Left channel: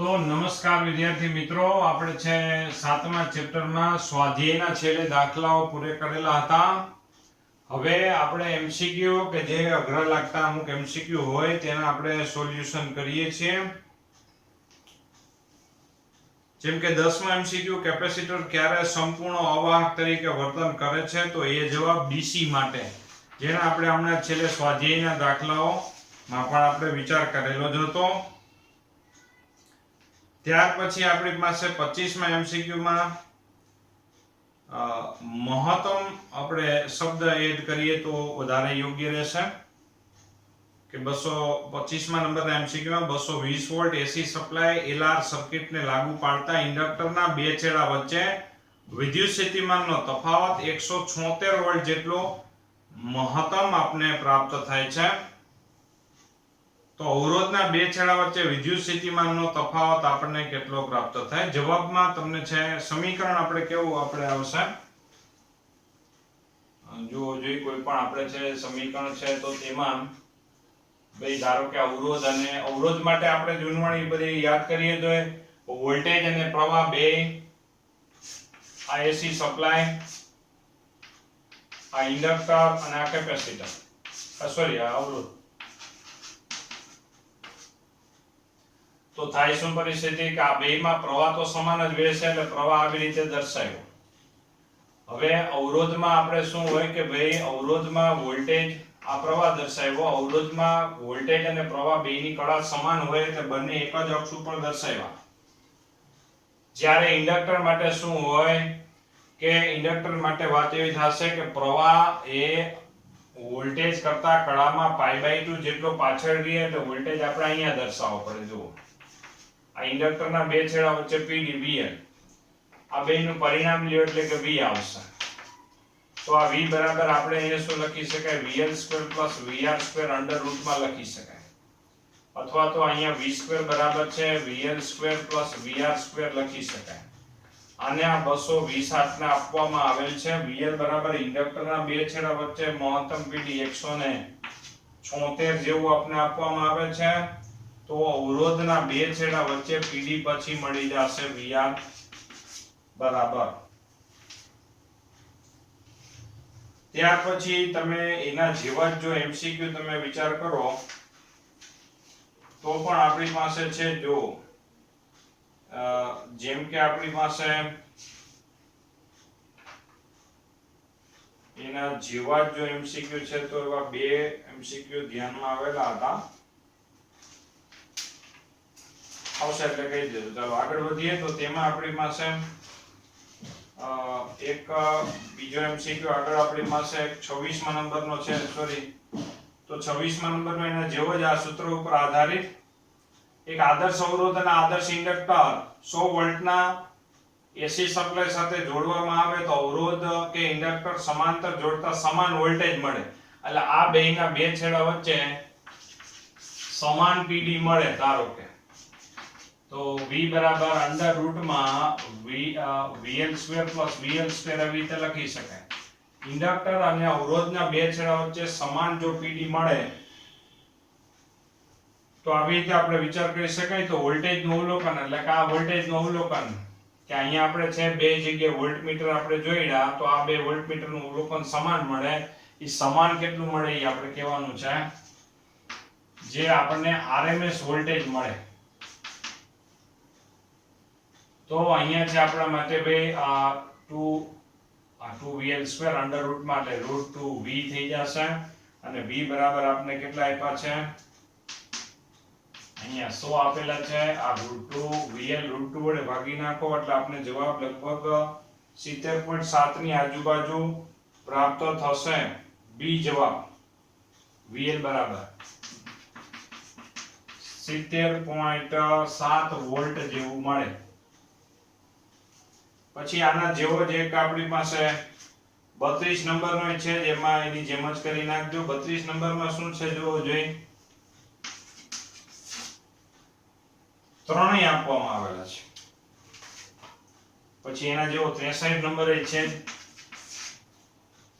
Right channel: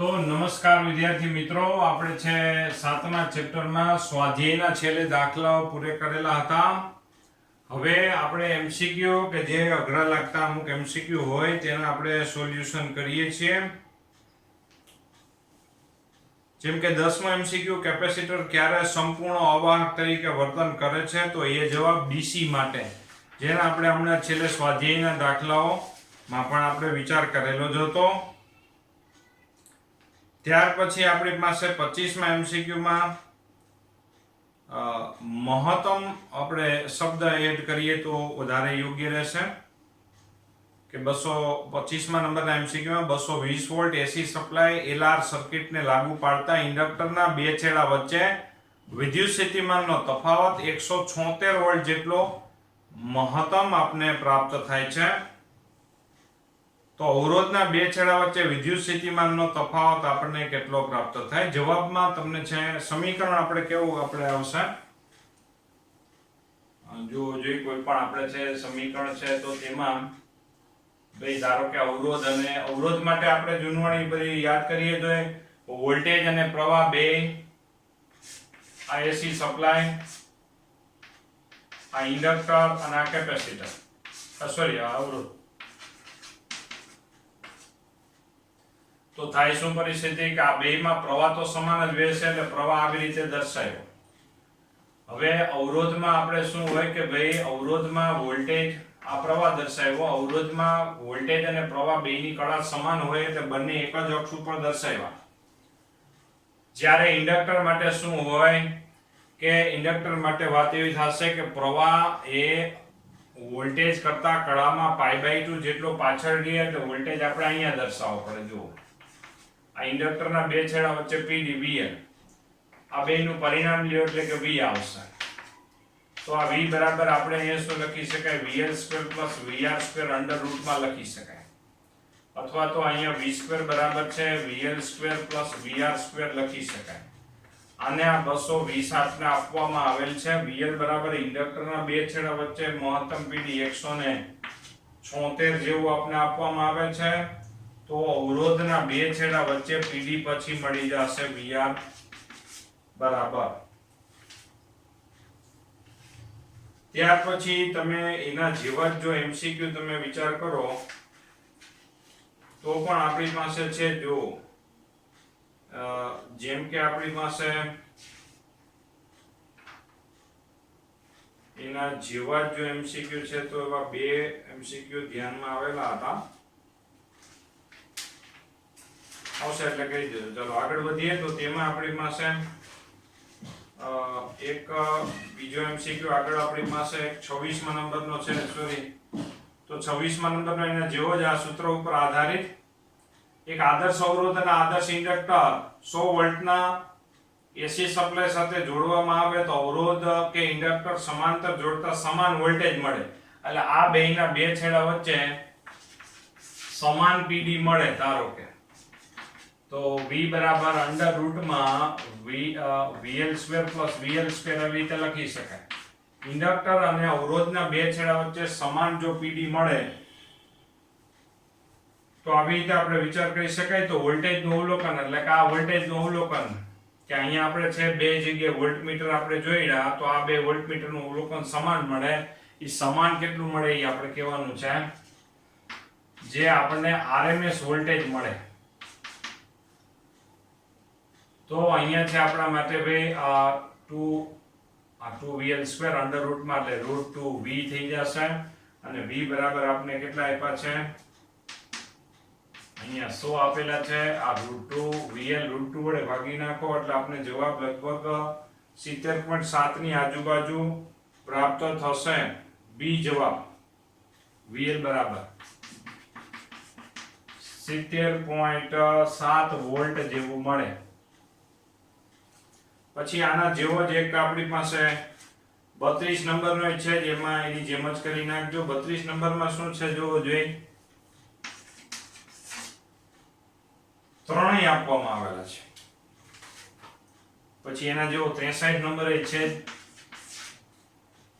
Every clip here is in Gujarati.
તો નમસ્કાર વિદ્યાર્થી મિત્રો, આપણે છે 7મા ચેપ્ટરમાં સ્વાધ્યાયના છેલ્લે દાખલાઓ પૂરે કરેલા હતા. હવે આપણે એમસીક્યુ કે જે અઘરા લાગતા અમુક એમસીક્યુ હોય તેના આપણે સોલ્યુશન કરીએ છીએ. જેમ કે 10મો એમસીક્યુ, કેપેસિટર ક્યારે સંપૂર્ણ અવાહક તરીકે વર્તન કરે છે? તો એ જવાબ ડીસી માટે, જેના આપણે હમણાં છેલ્લે સ્વાધ્યાયના દાખલાઓમાં પણ આપણે વિચાર કરેલો જ હતો. ત્યાર પછી આપણી પાસે 25મા એમસીક્યુમાં મહત્તમ આપણે શબ્દ એડ કરીએ તો વધારે યોગ્ય રહેશે કે 225મા નંબરના એમસીક્યુમાં 220 વોલ્ટ એસી સપ્લાય એલઆર સર્કિટને લાગુ પાડતા ઇન્ડક્ટરના બે છેડા વચ્ચે વિદ્યુત સ્થિતિમાનનો તફાવત 176 વોલ્ટ જેટલો મહત્તમ આપને પ્રાપ્ત થાય છે. તો અવરોધના બે છેડા વચ્ચે વિદ્યુત સ્થિતિમાનનો તફાવત આપણને કેટલો પ્રાપ્ત થાય? જવાબમાં તમને છે સમીકરણ આપણે કેવું આપણે આવશે, જો કોઈ પણ આપણે છે સમીકરણ છે તો તેમાં ભાઈ ધારો કે અવરોધ અને અવરોધ માટે આપણે જૂનવાણી બધી યાદ કરીએ તો વોલ્ટેજ અને પ્રવાહ બે, આ એસી સપ્લાય, આ ઇન્ડક્ટર અને આ કેપેસિટર, સોરી આ અવરોધ. તો થાય શું પરિસ્થિતિ કે આ બેમાં પ્રવાહ તો સમાન જ વહેશે એટલે પ્રવાહ આવી રીતે દર્શાવ્યો. હવે અવરોધમાં આપણે શું હોય કે ભાઈ અવરોધમાં વોલ્ટેજ, આ પ્રવાહ દર્શાવ્યો, અવરોધમાં વોલ્ટેજ અને પ્રવાહ બેની કળા સમાન હોય એટલે બંને એક જ અક્ષ ઉપર દર્શાવ્યા. જ્યારે ઇન્ડક્ટર માટે શું હોય કે ઇન્ડક્ટર માટે વાત એવી થશે કે પ્રવાહ એ વોલ્ટેજ કરતા કળામાં π/2 જેટલો પાછળ ગયો એટલે વોલ્ટેજ આપણે અહીંયા દર્શાવવો પડે. જુઓ આ ઇન્ડક્ટરના બે છેડા વચ્ચે પીડી VL, આ બેનું પરિણામ લ્યો એટલે કે V આવશે. તો આ V બરાબર આપણે અહીંયા શું લખી શકાય? VL² + VR² અંડર રૂટમાં લખી શકાય, અથવા તો અહીંયા V² બરાબર છે VL² + VR² લખી શકાય. આને આ 220 ને આપવામાં આવેલ છે. VL બરાબર ઇન્ડક્ટરના બે છેડા વચ્ચે મહત્તમ પીડી 176 જેવું આપણે આપવામાં આવે છે. તો અવરોધના બે છેડા વચ્ચે પીડી પછી મળી જશે VR બરાબર. ત્યાર પછી તમે એના જેવા જ જો એમસીક્યુ તમે વિચાર કરો તો પણ આપણી પાસે છે, જો જેમ કે આપણી પાસે એના જેવા જ જો એમસીક્યુ છે તો એવા બે એમસીક્યુ ધ્યાનમાં આવેલા હતા, આવશે એટલે કહી દેજો. ચાલો આગળ વધીએ. તો તેમાં આપણી પાસે એક બીજો એમસીક્યુ આગળ આપણી પાસે 26મા નંબરનો છે, સોરી તો 26મા નંબરનો એના જેવો જ આ સૂત્ર ઉપર આધારિત એક આદર્શ અવરોધ અને આદર્શ ઇન્ડક્ટર 100 વોલ્ટના એસી સપ્લાય સાથે જોડવામાં આવે તો અવરોધ કે ઇન્ડક્ટર સમાંતર જોડતા સમાન વોલ્ટેજ મળે. એટલે આ બેયના બે છેડા વચ્ચે સમાન પીડી મળે. ધારો કે તો V બરાબર અંડર રૂટમાં VL² + VL² આવી રીતે લખી શકાય. ઇન્ડક્ટર અને અવરોધના બે છેડા વચ્ચે સમાન જો પીડી મળે તો આવી રીતે આપણે વિચાર કરી શકાય. તો વોલ્ટેજનું અવલોકન એટલે કે આ વોલ્ટેજનું અવલોકન કે અહીંયા આપણે છે બે જગ્યાએ વોલ્ટમીટર આપણે જોઈડા તો આ બે વોલ્ટમીટરનું અવલોકન સમાન મળે. એ સમાન કેટલું મળે એ આપણે કહેવાનું છે, જે આપણને RMS વોલ્ટેજ મળે. તો અહીંયા છે આપણા માટે ભાઈ આ 2VL² અંડર રૂટ માટે √2V થઈ જશે અને V બરાબર આપણે કેટલા આપ્યા છે? અહીંયા 100 આપેલા છે. આ √2VL √2 વડે ભાગી નાખો એટલે આપણે જવાબ લગભગ 70.7 ની આજુબાજુ પ્રાપ્ત થશે. B જવાબ VL બરાબર 70.7 વોલ્ટ જેવું મળે. પછી આના જેવો જ એક આપણી પાસે 32 નંબરનો છે, જેમાં એની જેમ જ કરી નાખજો. 32 નંબરમાં શું છે જોવો જોઈએ, ત્રણેય આપવામાં આવેલા છે. પછી એના જેવો 63 નંબરે છે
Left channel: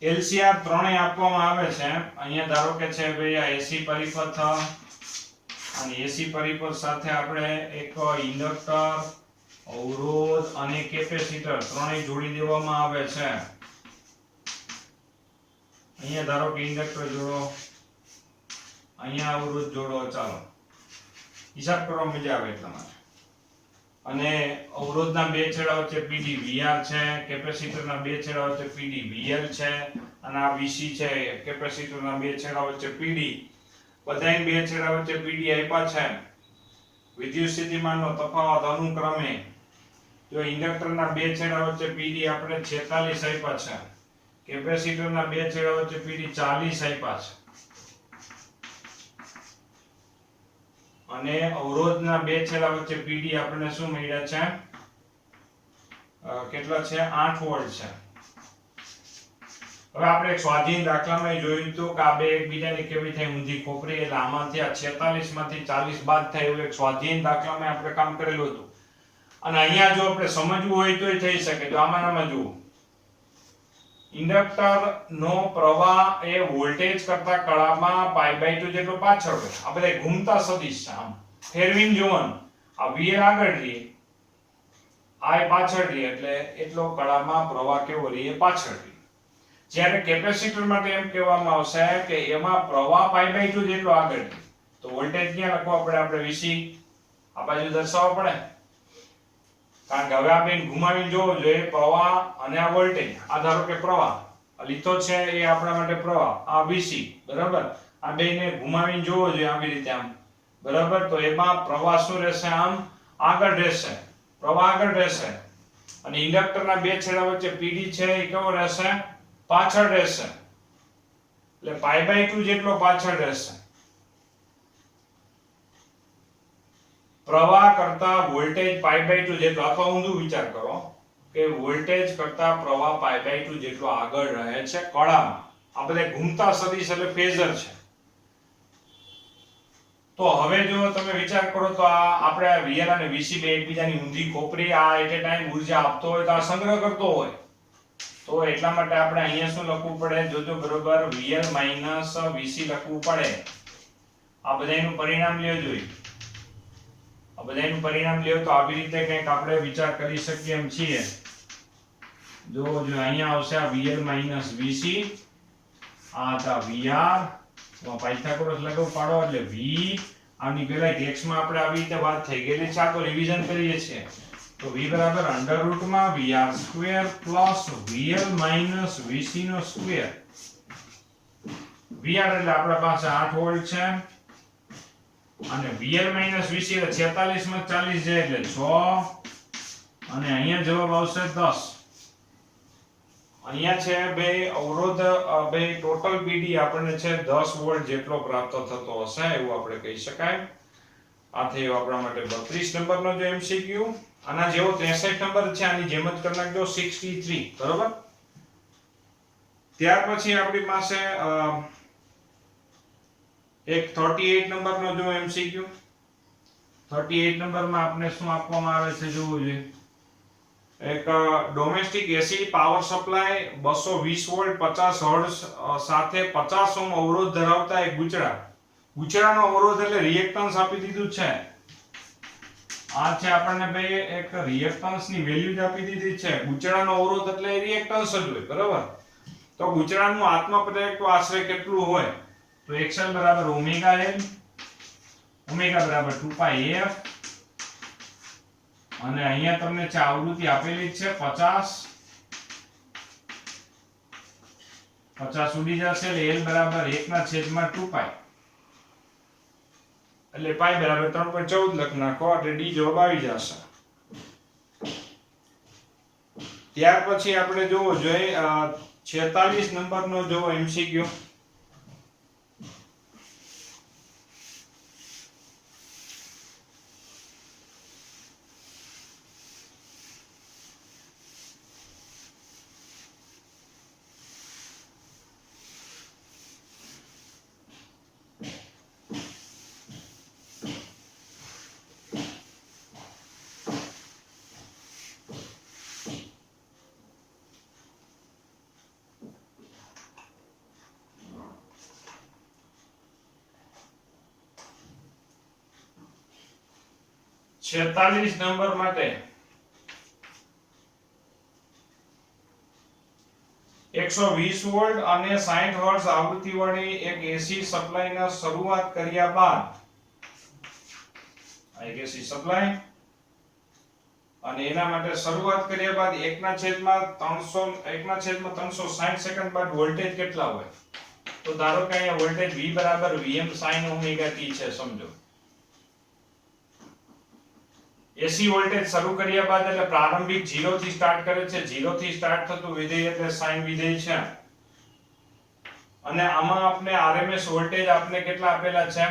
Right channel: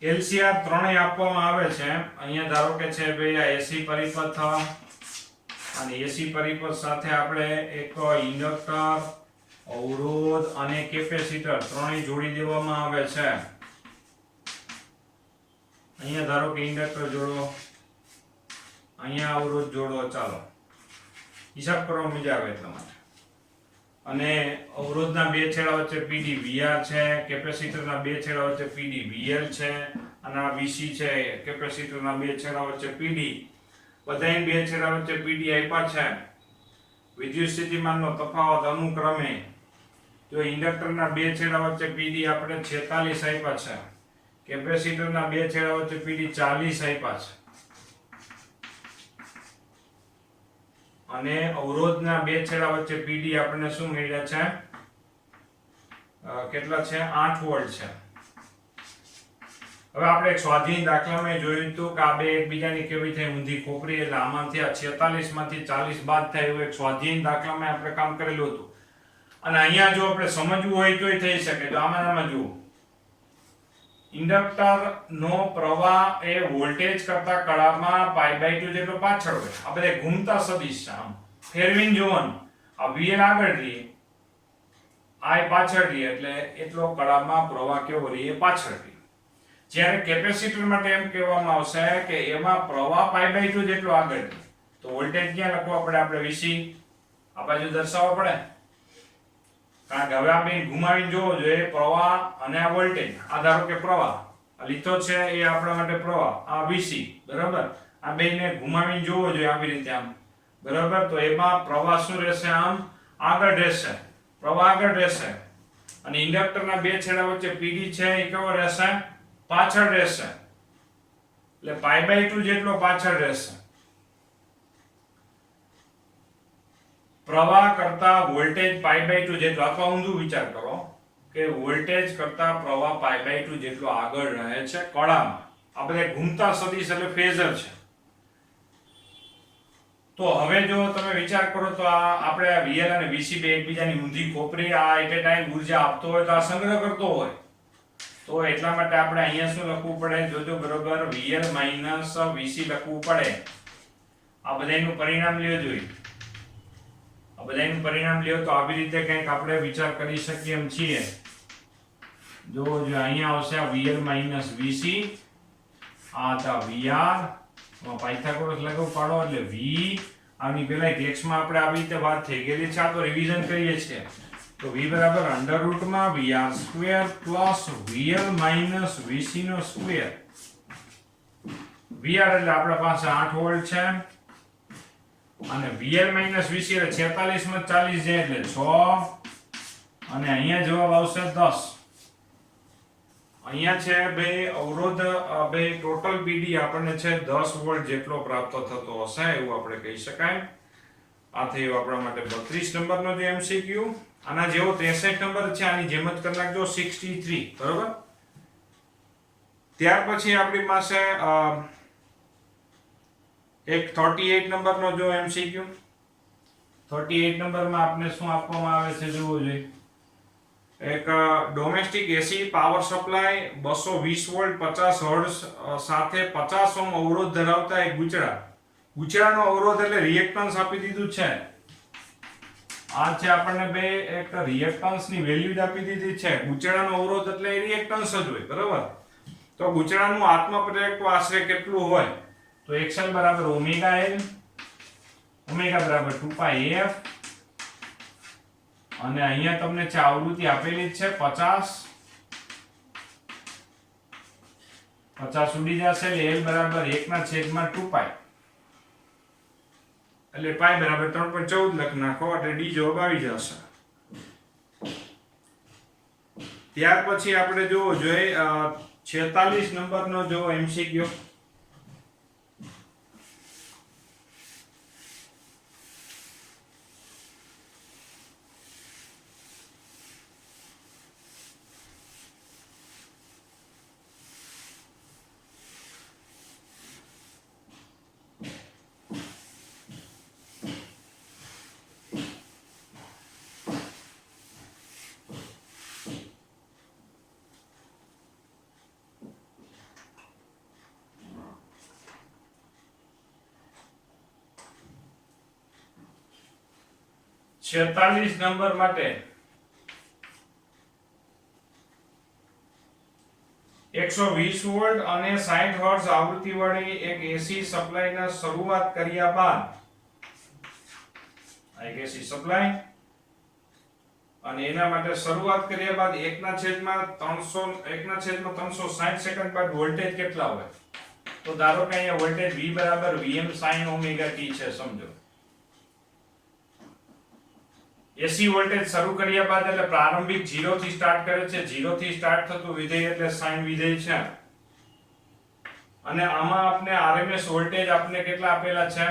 LCR ત્રણેય આપવામાં આવે છે. અહીંયા ધારો કે છે ભાઈ આ એસી પરિપથ, અને એસી પરિપથ સાથે આપણે એક ઇન્ડક્ટર, અવરોધ અને કેપેસિટર ત્રણેય જોડી દેવામાં આવે છે. અહીંયા ધારો કે ઇન્ડક્ટર જોડો, અહીંયા અવરોધ જોડો. ચાલો હિસાબ કરવા મજા આવે એટલા માટે. અને અવરોધના બે છેડા વચ્ચે પીડી વીઆર છે, કેપેસિટરના બે છેડા વચ્ચે પીડી વીએલ છે, અને આ વીસી છે. કેપેસિટરના બે છેડા વચ્ચે પીડી, બધાય બે છેડા વચ્ચે પીડી આપ્યા છે. વિદ્યુત સ્થિતિમાનનો તફાવત અનુક્રમે જો ઇન્ડક્ટરના બે છેડા વચ્ચે પીડી આપણે 46 આપ્યા છે, કેપેસિટરના બે છેડા વચ્ચે પીડી 40 આપ્યા છે, અને અવરોધના બે છેડા વચ્ચે પીડી આપણને શું મળ્યા છે? કેટલા છે? 8 વોલ્ટ છે. હવે આપણે એક સ્વાધીન દાખલામાં જોયું હતું કે આ બે એકબીજાની કેવી થઈ ઊંધી ખોપરી, એટલે આમાંથી આ 46 માંથી 40 બાદ થાય એવું એક સ્વાધીન દાખલામાં આપણે કામ કરેલું હતું. અને અહીંયા જો આપણે સમજવું હોય તોય થઈ શકે. જો આમાં જુઓ, ઇન્ડક્ટર નો પ્રવાહ એ વોલ્ટેજ કરતા કળામાં π/2 જેટલો પાછળ હોય. આ બધા ઘૂમતા સદિશ છે. આમ ફેરવીને જોવાનું, આ VL આગળ રહે, I પાછળ રહે, એટલે એટલો કળામાં પ્રવાહ કેવો રહે? પાછળ રહે. જ્યારે કેપેસિટર માટે એમ કહેવામાં આવશે કે એમાં પ્રવાહ π/2 જેટલો આગળ રહે, તો વોલ્ટેજ ક્યાં લખવા પડે? આપણે VC આ બાજુ દર્શાવવા પડે. કારણ કે હવે આપણે ઘુમાવીને જોવો જોઈએ પ્રવાહ અને આ વોલ્ટેજ. આ ધારો કે પ્રવાહ આ લીધો છે એ આપણા માટે પ્રવાહ, આ VC, બરાબર. આ બેને ઘુમાવીને જોવો જોઈએ આવી રીતે, આમ, બરાબર. તો એમાં પ્રવાહ શું રહેશે? આમ આગળ રહેશે, પ્રવાહ આગળ રહેશે. અને ઇન્ડક્ટરના બે છેડા વચ્ચે પીડી છે એ કેવો રહેશે? પાછળ રહેશે. એટલે π/2 જેટલો પાછળ રહેશે. પ્રવાહ કરતા વોલ્ટેજ π/2 જેટલો, અથવા ઊંધું વિચાર કરો કે વોલ્ટેજ કરતા પ્રવાહ π/2 જેટલો આગળ રહે છે કળામાં. આ બધા ઘૂમતા સદિશ એટલે ફેઝર છે. તો હવે જો તમે વિચાર કરો તો આ આપણે VL અને VC બે એકબીજાની ઊંધી ખોપરી, આ એટ એ ટાઈમ ઉર્જા આપતો હોય તો આ સંગ્રહ કરતો હોય. તો એટલા માટે આપણે અહીંયા શું લખવું પડે? જોજો બરોબર, VL - VC લખવું પડે. આ બધાયનું પરિણામ લ્યો જોઈએ. આ બધાયનું પરિણામ લ્યો તો આવી રીતે કંઈક આપણે વિચાર કરી શકીએ એમ છીએ. જો અહીંયા આવશે આ VL - VC, આ હતા VR, પાયથાગોરસ લાગુ પાડો એટલે V. આની પહેલા ટેક્સ્ટમાં આપણે આવી રીતે વાત થઈ ગયેલી છે, આ તો રિવિઝન કરીએ છીએ. તો V બરાબર √VR² પ્લસ VL - VC નો સ્ક્વેર. VR એટલે આપણા પાસે 8 વોલ્ટ છે, અને VL - VC એટલે 46 માં 40 જાય એટલે 6, અને અહીંયા જવાબ આવશે 10. અહીંયા છે ભાઈ અવરોધ, ભાઈ ટોટલ પીડી આપણને છે 10 વોલ્ટ જેટલો પ્રાપ્ત થતો હશે એવું આપણે કહી શકાય. આ થયો આપણા માટે 32 નંબરનો જે MCQ. આના જેવો 63 નંબર છે, આની જેમ જ કરી નાખજો, 63, બરોબર. ત્યાર પછી આપણી પાસે એક 38 નંબરનો જો MCQ. 38 નંબરમાં આપણે શું આપવામાં આવે છે જોવું જોઈએ. એક domestic AC power supply 220 volt 50 hertz સાથે 50 ઓહ્મ અવરોધ ધરાવતા એક ગુચડા. ગુચડાનો અવરોધ એટલે રિએક્ટન્સ આપી દીધું છે. આ છે આપણને બે એક રિએક્ટન્સની વેલ્યુ આપી દીધી છે. ગુચડાનો અવરોધ એટલે રિએક્ટન્સ જ હોય, બરાબર. તો ગુચડાનું આત્મપ્રેરક આશરે કેટલું હોય? તો XL બરાબર ઓમેગા L, ઓમેગા બરાબર 2πf, અને અહીંયા તમને છે આવૃત્તિ આપેલી છે 50 ઉડી જશે એટલે L બરાબર 1/2π, એટલે પાઈ બરાબર 3.14 લખ નાખો એટલે ડી જવાબ આવી જશે. ત્યાર પછી આપણે જોવો જોઈએ 46 નંબરનો જો MCQ. 46 નંબર માટે 120 વોલ્ટ અને 60 હર્ટ્ઝ આવૃત્તિવાળી એક એસી સપ્લાયના શરૂઆત કર્યા બાદ એક એસી સપ્લાય અને એના માટે શરૂઆત કર્યા બાદ 1/360 સેકન્ડ બાદ વોલ્ટેજ કેટલા હોય? તો ધારો કે અહીંયા વોલ્ટેજ V બરાબર Vm sin ઓમેગા t છે. સમજો એસી વોલ્ટેજ શરૂ કર્યા બાદ એટલે પ્રારંભિક 0 થી સ્ટાર્ટ કરે છે. 0 થી સ્ટાર્ટ થતું વિધેય એટલે સાઇન વિધેય છે. અને આમાં આપણે આરએમએસ વોલ્ટેજ આપણે કેટલા આપેલા છે?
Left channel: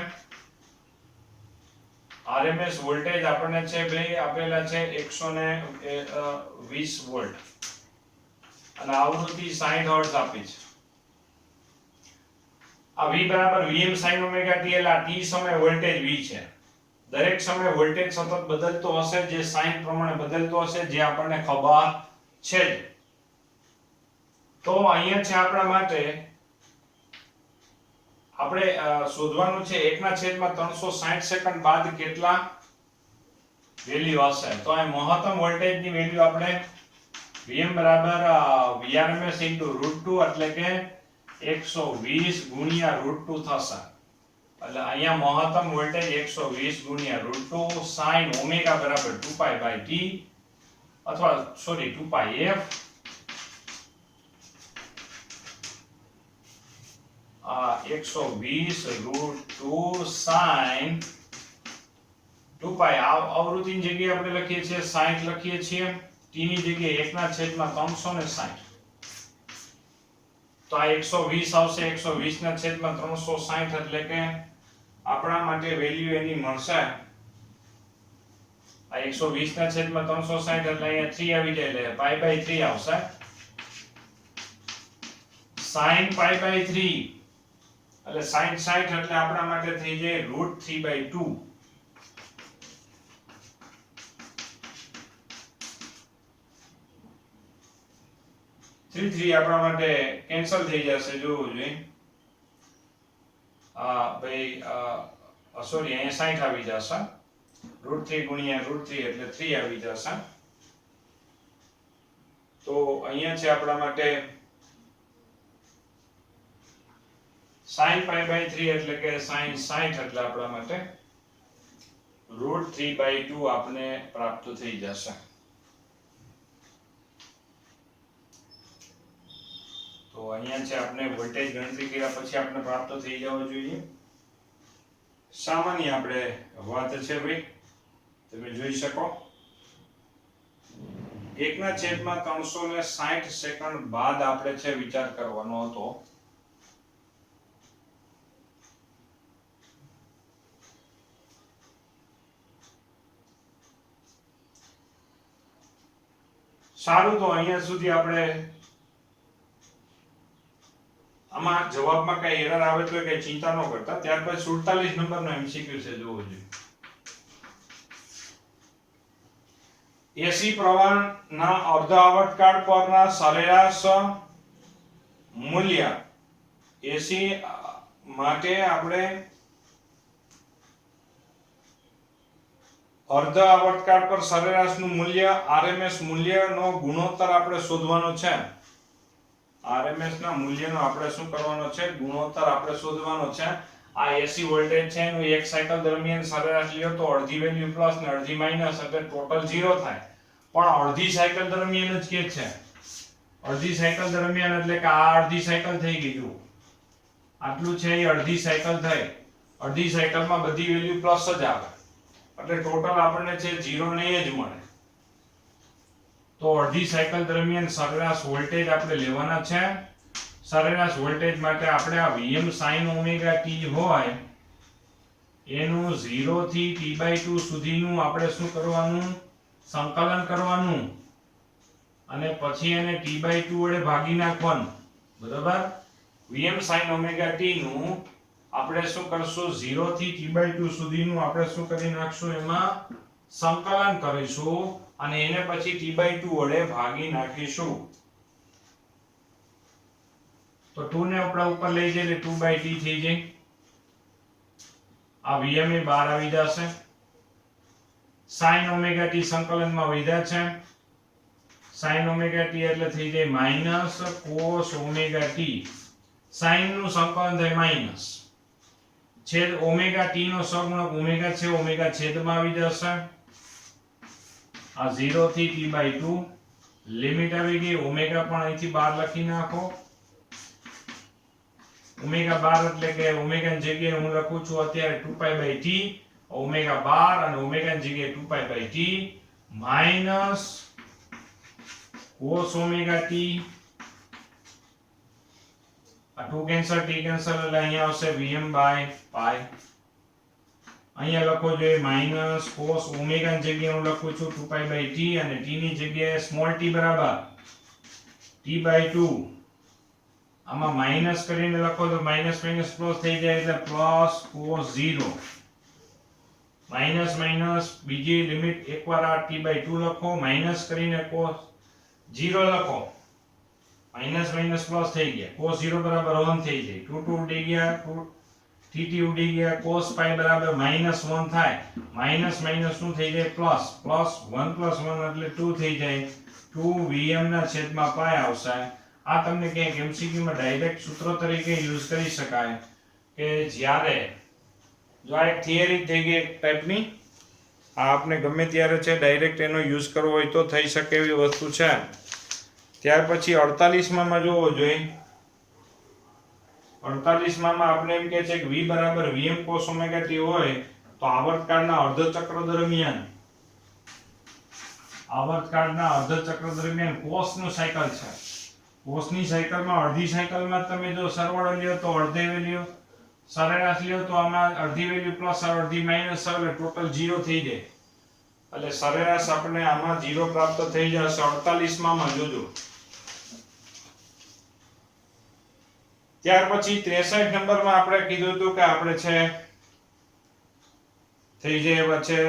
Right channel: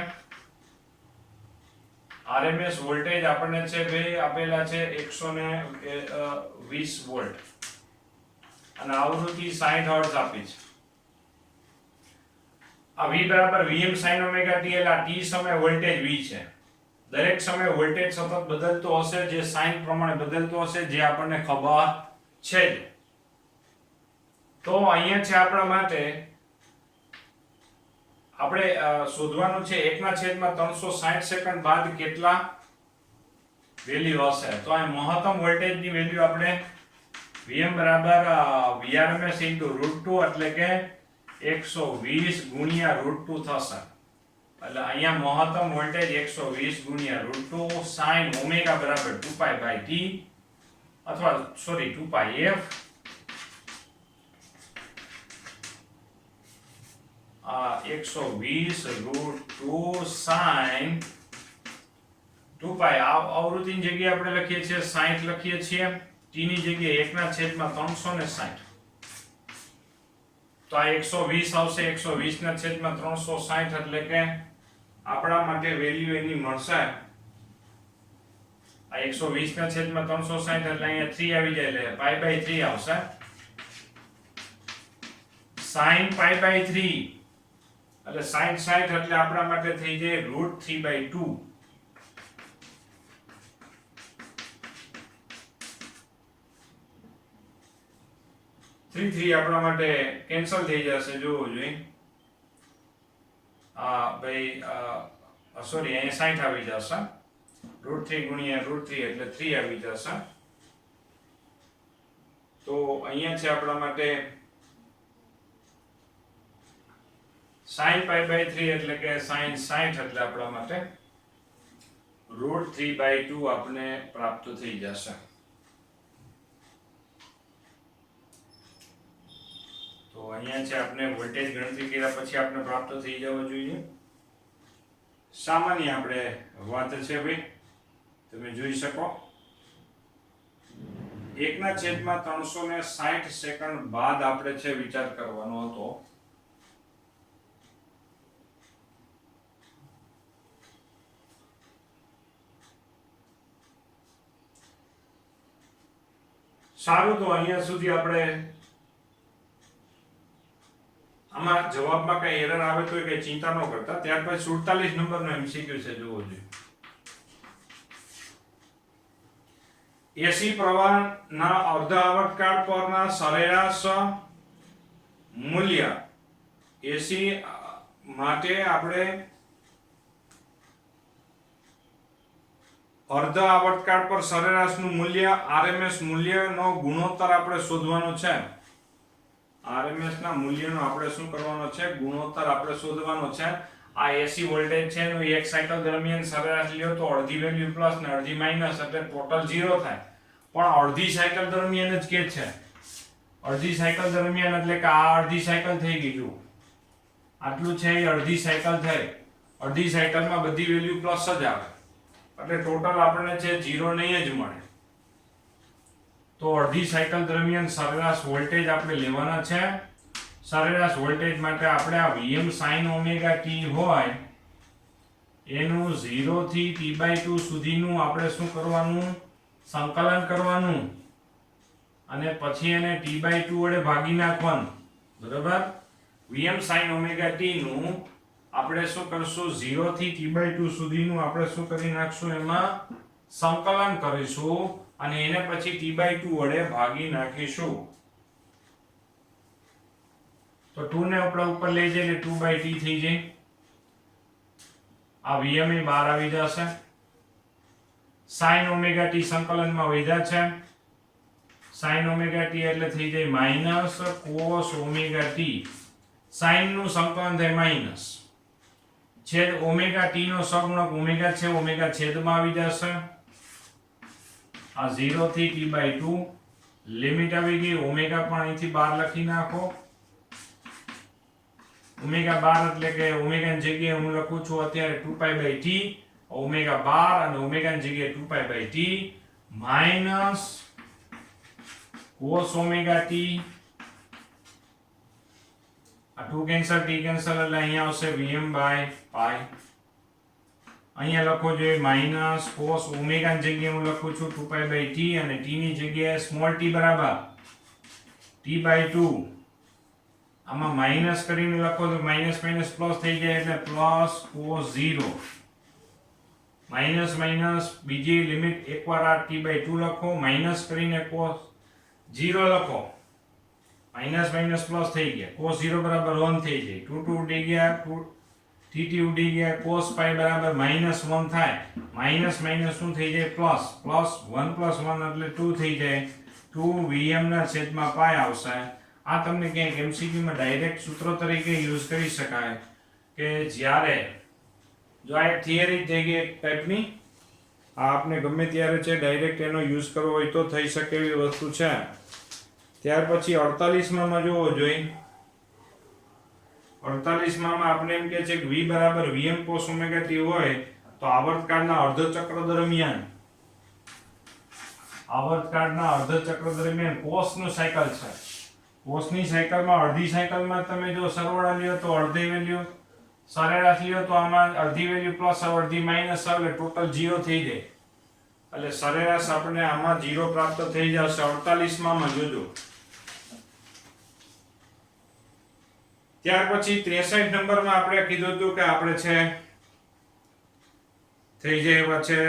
આરએમએસ વોલ્ટેજ આપણને છે બે આપેલા છે 120 વોલ્ટ અને આવૃત્તિ 60 હર્ટ્ઝ આપી છે. આ V બરાબર Vm sin ઓમેગા t એટલે આ t સમય વોલ્ટેજ V છે. દરેક સમયે વોલ્ટેજ સતત બદલતો હશે, જે સાઇન પ્રમાણે બદલતો હશે, જે આપણને ખબર છે. તો અહીંયા છે આપણા માટે આપણે શોધવાનું છે 1/360 સેકન્ડ બાદ કેટલા વેલ્યુ હશે. તો આ મહત્તમ વોલ્ટેજની વેલ્યુ આપણે Vm બરાબર Vrms * √2 એટલે કે 120 ગુણ્યા √2 થશે. એટલે અહીંયા મહત્તમ વોલ્ટેજ 120 ગુણ્યા √2 sin ઓમેગા બરાબર 2π/t અથવા સોરી 2πf 120 √2 sin 2π આવૃત્તિની જગ્યાએ આપણે લખીએ છીએ 60 લખીએ છીએ, t ની જગ્યાએ 1/360. તો આ 120 આવશે 120/360 એટલે કે આપણા માટે વેલ્યુ એની મળશે આ 120/360 એટલે અહીંયા 3 આવી જાય એટલે π/3 આવશે. sin π/3 એટલે sin 60 એટલે આપણા માટે થઈ જાય √3/2. થ્રી આપણા માટે કેન્સલ થઈ જશે. જોવું જોઈએ ભાઈ સોરી અહીંયા 60 આવી જશે. √3 ગુણ્યા √3 એટલે 3 આવી જશે. તો અહીંયા છે આપણા માટે sin π/3 એટલે કે sin 60 એટલે આપણા માટે √3/2 આપણે પ્રાપ્ત થઈ જશે. તો અહીંયા છે આપણે વોલ્ટેજ ગણતરી કર્યા પછી આપણે પ્રાપ્ત થઈ જવો જોઈએ. સામાન્ય આપણે વાત છે ભાઈ, તમે જોઈ શકો 1/360 સેકન્ડ બાદ આપણે છે વિચાર કરવાનો હતો. સારું, તો અહીંયા સુધી આપણે આમાં જવાબમાં કઈ એરર આવે તો કઈ ચિંતા ન કરતા. ત્યાર પછી 47 નંબરનો MCQ છે, જોવો જોઈએ. એસી પ્રવાહના અર્ધ આવર્તકાળ પરના સરેરાશ મૂલ્ય એસી માટે આપણે અર્ધ આવર્તકાળ પર સરેરાશનું મૂલ્ય RMS મૂલ્યનો ગુણોત્તર આપણે શોધવાનો છે. RMS ના મૂલ્યનો આપણે શું કરવાનો છે? ગુણોત્તર આપણે શોધવાનો છે. આ એસી વોલ્ટેજ છે એનું એક સાયકલ દરમિયાન સરેરાશ લ્યો તો અડધી વેલ્યુ પ્લસ ને અડધી માઈનસ એટલે ટોટલ 0 થાય. પણ અડધી સાયકલ દરમિયાન જ કે છે. અડધી સાયકલ દરમિયાન એટલે કે આ અડધી સાયકલ થઈ ગઈ. જો આટલું છે એ અડધી સાયકલ થઈ. અડધી સાયકલમાં બધી વેલ્યુ પ્લસ જ આવે એટલે ટોટલ આપણને છે 0 નહીં જ મળે. તો અડધી સાયકલ દરમિયાન સરેરાશ વોલ્ટેજ આપણે લેવાના છે. સરેરાશ વોલ્ટેજ માટે આપણે આ Vm sin ઓમેગા t હોય એનું 0 થી t/2 સુધીનું આપણે શું કરવાનું? સંકલન કરવાનું અને પછી એને t/2 વડે ભાગી નાખવાનું. બરાબર? Vm sin ઓમેગા t નું આપણે શું કરશું? 0 થી t/2 સુધીનું આપણે શું કરી નાખશું? એમાં સંકલન કરીશું અને એને પછી t/2 વડે ભાગી નાખીશું. તો 2 ને આપણે ઉપર લઈ જઈએ એટલે 2/t થઈ જાય. આ Vm એ બહાર આવી જશે. sin ઓમેગા ટી સંકલનમાં વધ્યા છે. sin ઓમેગા ટી એટલે થઈ જાય minus cos omega T. sin નું સંકલન થાય માઇનસ છેદ ઓમેગા ટી નો સહગુણક ઓમેગા છે, ઓમેગા છેદમાં આવી જશે. આ 0 થી t/2 લિમિટ આવી ગઈ. ઓમેગા પણ અહીંથી બહાર લખી નાખો. ઓમેગા 12 એટલે કે ઓમેગા ની જગ્યાએ હું લખું છું અત્યારે 2π/t. ઓમેગા 12 અને ઓમેગા ની જગ્યાએ 2π/t minus cos omega t. આ 2 કેન્સલ, t કેન્સલ એટલે અહીંયા આવશે vm/π. અહીંયા લખો જોઈએ માઇનસ cos ઓમેગા ની જગ્યાએ હું લખું છું 2π/t અને t ની જગ્યાએ સ્મોલ t બરાબર t/2. આમાં માઇનસ કરીને લખો તો માઇનસ માઇનસ પ્લસ થઈ જાય એટલે પ્લસ cos 0. માઇનસ માઇનસ બીજી લિમિટ એકવાર આ t/2 લખો, માઇનસ કરીને cos 0 લખો, માઇનસ માઇનસ પ્લસ થઈ ગયા, cos 0 બરાબર 1 થઈ જાય, 2 2 ઉડી ગયા, 2 tt ઉડી ગયા, cos pi બરાબર -1 થાય, માઇનસ માઇનસ શું થઈ જાય પ્લસ, પ્લસ 1 + 1 એટલે 2 થઈ જાય, 2 vm ના છેદમાં pi આવશે. આ તમને ક્યાંક MCQ માં ડાયરેક્ટ સૂત્ર તરીકે યુઝ કરી શકાય કે જ્યારે જો આ એક થિયરી થઈ ગઈ એક ટાઈપની, આ આપણે ગમે ત્યારે છે ડાયરેક્ટ એનો યુઝ કરવો હોય તો થઈ શકે એવી વસ્તુ છે. ત્યાર પછી 48 માં જોવો જોઈએ. 48 માં આપણે એમ કહે છે કે v બરાબર vm cos ઓમેગા t હોય તો આવર્તકાળના અર્ધ ચક્ર દરમિયાન cos નું સાયકલ છે. cos ની સાયકલમાં અડધી સાયકલમાં તમે જો સરવાળો લ્યો તો અડધી વેલ્યુ, સરેરાશ લ્યો તો આમાં અડધી વેલ્યુ પ્લસ અડધી માઈનસ એટલે ટોટલ 0 થઈ જાય. એટલે સરેરાશ આપણે આમાં 0 પ્રાપ્ત થઈ જશે 48 માં જોજો. ત્યાર પછી 63 નંબરમાં આપણે કીધું હતું કે આપણે છે થઈ જાય પછી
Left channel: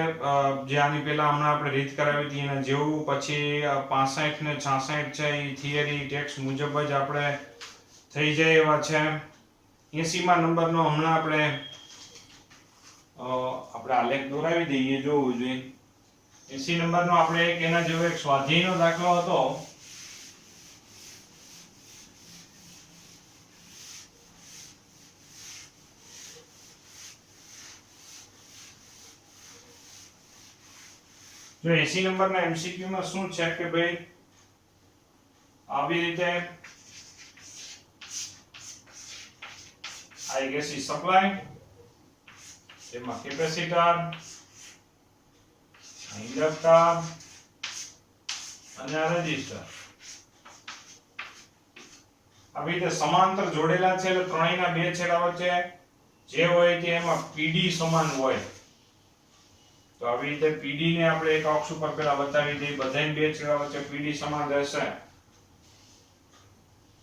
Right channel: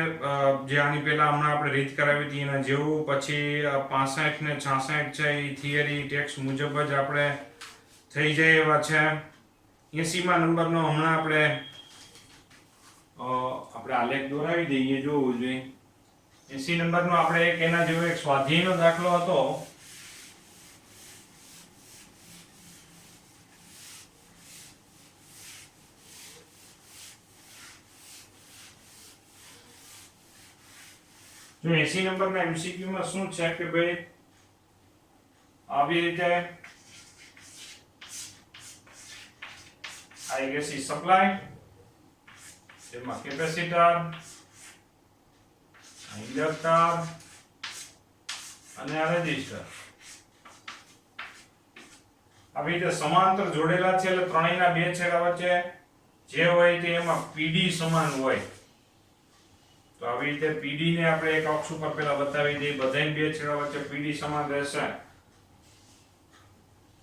જે આની પહેલા હમણાં આપણે રીત કરાવી હતી એના જેવું. પછી 65 ને 66 છે એ થિયરી ટેક્સ્ટ મુજબ જ આપણે થઈ જાય એવા છે. 80 માં નંબરનો હમણાં આપણે આલેખ દોરાવી દઈએ, જોવું જોઈએ. 80 નંબરનો આપણે એક એના જેવો એક સ્વાધ્યાયનો દાખલો હતો. જો 80 નંબરના MCQ માં શું છે કે ભાઈ આવી રીતે આ AC સપ્લાય, તેમાં કેપેસિટર, ઇન્ડક્ટર અને રેઝિસ્ટર આવી રીતે સમાંતર જોડેલા છે. એટલે ત્રણેયના બે છેડા વચ્ચે જે હોય તે એમાં PD સમાન હોય. તો આવી રીતે PD ને આપણે એક અક્ષ ઉપર પહેલા બતાવી દઈએ, બધાય બે છેડા વચ્ચે PD સમાન રહેશે.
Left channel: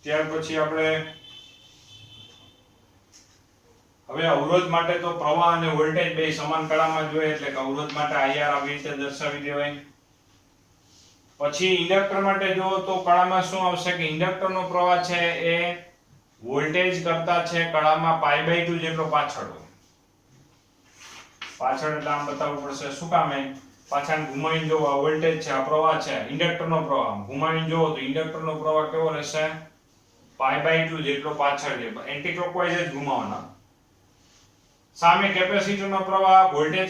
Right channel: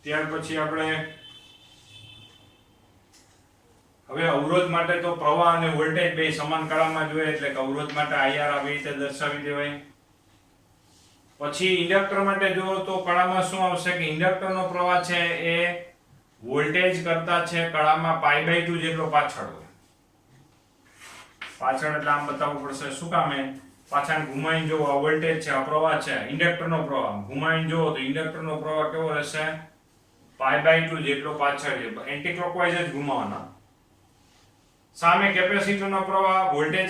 ત્યાર પછી આપણે હવે અવરોધ માટે તો પ્રવાહ અને વોલ્ટેજ બે સમાન કળામાં જોઈએ, એટલે કે અવરોધ માટે IR આવી રીતે દર્શાવી દેવાય. પછી ઇન્ડક્ટર માટે જો તો કળામાં શું આવશે કે ઇન્ડક્ટરનો પ્રવાહ છે એ વોલ્ટેજ કરતા છે કળામાં π/2 જેટલો પાછળ હોય. પાછળ એટલે આમ બતાવવું પડશે, શું કામ? પાછળ ઘુમાઈને જો આ વોલ્ટેજ છે, આ પ્રવાહ છે, ઇન્ડક્ટરનો પ્રવાહ ઘુમાઈને જો તો ઇન્ડક્ટરનો પ્રવાહ કેવો રહેશે? π/2 જેટલો પાછળ છે, એન્ટી ક્લોકવાઇઝ જ ઘુમાવવાના. સામે કેપેસિટરનો પ્રવાહ વોલ્ટેજ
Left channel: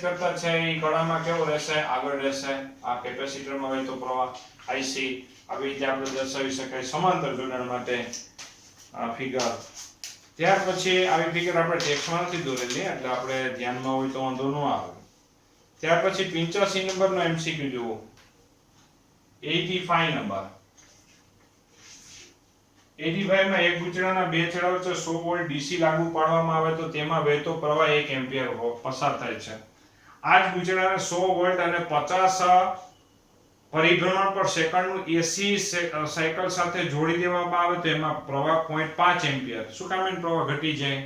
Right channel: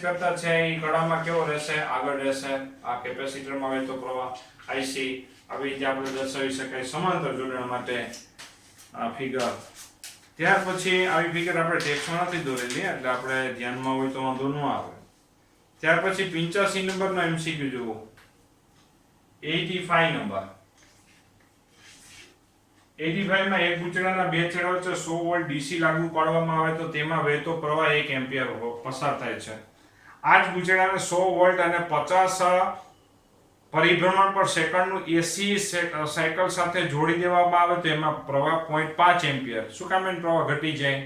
કરતા છે એ કળામાં કેવો રહેશે? આગળ રહેશે. આ કેપેસિટરમાં વહેતો પ્રવાહ IC આવી રીતે આપણે દર્શાવી શકાય સમાંતર જોડાણ માટે આ ફિગર. ત્યાર પછી આવી ફિગર આપણે ટેક્સ્ટમાં નથી દોરેલી એટલે આપણે ધ્યાનમાં હોય તો વાંધો ન આવે. ત્યાર પછી 85 નંબરનો MCQ જુઓ. 85 નંબર. 85 માં એક ગુંચડાના બે છેડા વચ્ચે 100 વોલ્ટ DC લાગુ પાડવામાં આવે તો તેમાં વહેતો પ્રવાહ 1 એમ્પિયર પસાર થાય છે. આ જ ગુંચડાને 100 વોલ્ટ અને 50 પરિભ્રમણ પર સેકન્ડનું AC સાયકલ સાથે જોડી દેવામાં આવે તો એમાં પ્રવાહ 0.5 એમ્પિયર. શું કામ એનો પ્રવાહ ઘટી જાય?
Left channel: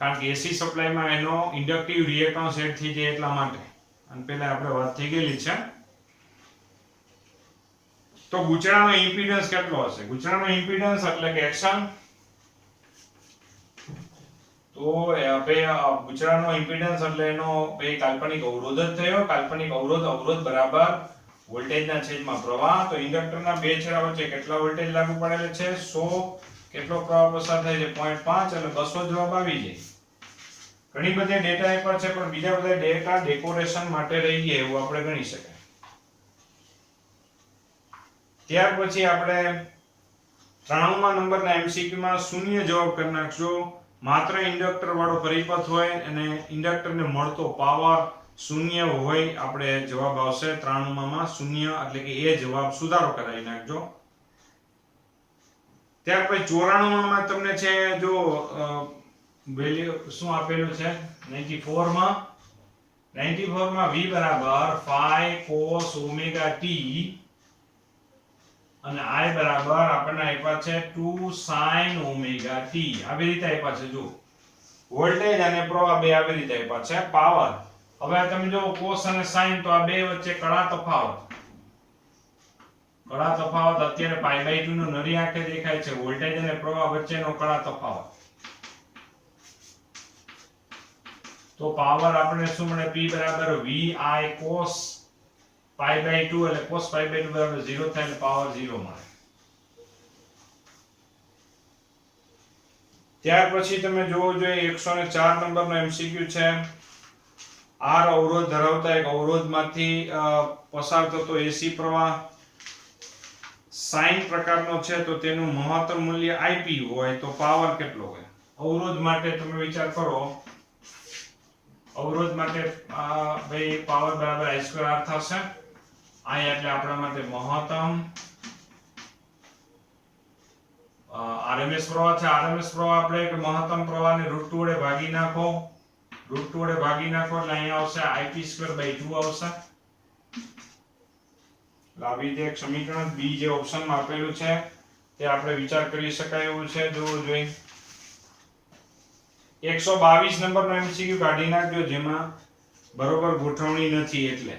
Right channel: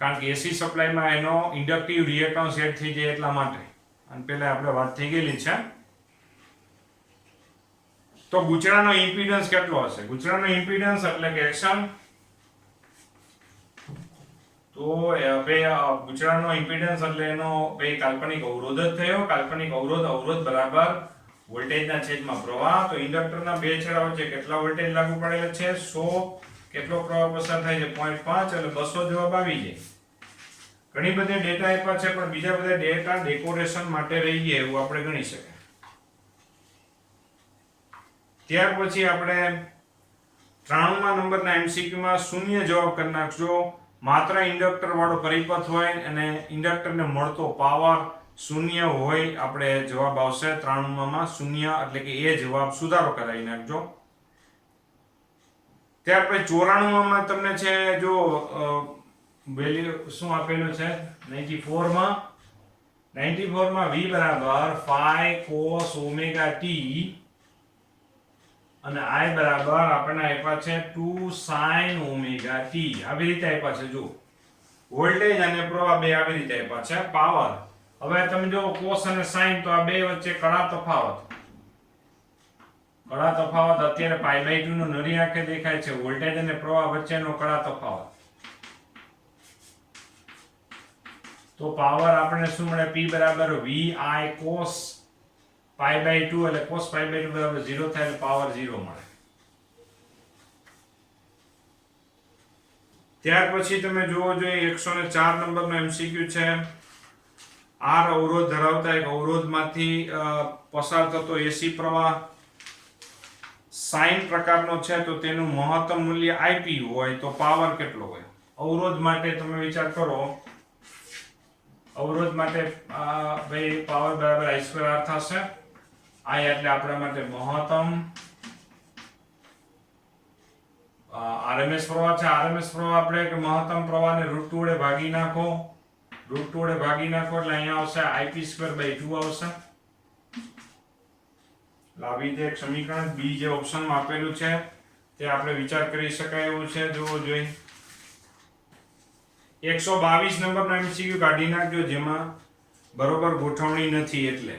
કારણ કે AC સપ્લાયમાં એનો ઇન્ડક્ટિવ રિએક્ટન્સ એડ થઈ જાય એટલા માટે. અને પહેલા આપણે વાત થઈ ગયેલી છે. તો ગુંચડાનો ઇમ્પિડન્સ કેટલો હશે? ગુંચડાનો ઇમ્પિડન્સ એટલે કે XL, તો તો પૂછડાનો ઇમ્પિડન્સ એટલે એનો ભાઈ કાલ્પનિક અવરોધ જ થયો. કાલ્પનિક અવરોધ બરાબર વોલ્ટેજના છેદમાં પ્રવાહ. તો ઇન્ડક્ટરના બે છેડા વચ્ચે કેટલા વોલ્ટેજ લાગુ પડેલા છે? 100. કેટલો પ્રવાહ પસાર થાય છે? 0.5 એટલે 200 જવાબ આવી જાય. ઘણી બધી ડેટા આપ્યા છે પણ બીજા બધા ડેટા ડેકોરેશન માટે રહી ગયા એવું આપણે ગણી શકાય. ત્યાર પછી આપણે 93મા નંબરના MCQ માં શૂન્ય જવાબ કરી નાખજો. માત્ર ઇન્ડક્ટર વાળો પરિપથ હોય અને ઇન્ડક્ટરને મળતો પાવર શૂન્ય હોય આપણે જવાબ આવશે 93માં શૂન્ય એટલે કે એ જવાબ સુધારો કરાવી નાખજો. ત્યાર પછી 94માં તમને છે જો વેલ્યુ શું આપેલું છે 94 માં v બરાબર 5 cos ઓમેગા t અને I બરાબર આપણને આપ્યા છે 2 sin ઓમેગા t. આવી રીતે આપ્યા છે. જો વોલ્ટેજ અને પ્રવાહ બે આવી રીતે આપ્યા છે. પાવર હવે તમે જો cos અને sin તો આ બે વચ્ચે કડા તફાવત અત્યારે π/2 નો નરી આંખે દેખાય છે. વોલ્ટેજ અને પ્રવાહ વચ્ચેનો કડા તફાવત. તો પાવર આપણને શું મળે? P બરાબર vi cos π/2 એટલે cos π/2 બરાબર 0 થાય એટલે પાવર 0 મળે. ત્યાર પછી તમે જોવો જોઈએ 104 નંબરનો MCQ છે. R અવરોધ ધરાવતા એક અવરોધમાંથી પસાર થતો AC પ્રવાહ સાઇન પ્રકારનો છે તો તેનું મહત્તમ મૂલ્ય IP હોય તો પાવર કેટલો હોય? અવરોધ માટે તમે વિચાર કરો. અવરોધ માટે ભાઈ પાવર બરાબર I2R થશે. I એટલે આપણા માટે મહત્તમ RMS પ્રવાહ છે. RMS પ્રવાહ આપણે કે મહત્તમ પ્રવાહને √2 વડે ભાગી નાખો. √2 વડે ભાગી નાખો એટલે અહીંયા આવશે IP²/2 આવશે. આવી રીતે એક સમીકરણ B જે ઓપ્શનમાં આપેલું છે તે આપણે વિચાર કરી શકાય એવું છે. જોવું જોઈએ. 122 નંબરનો MCQ કાઢી નાખજો જેમાં બરોબર ગોઠવણી નથી એટલે.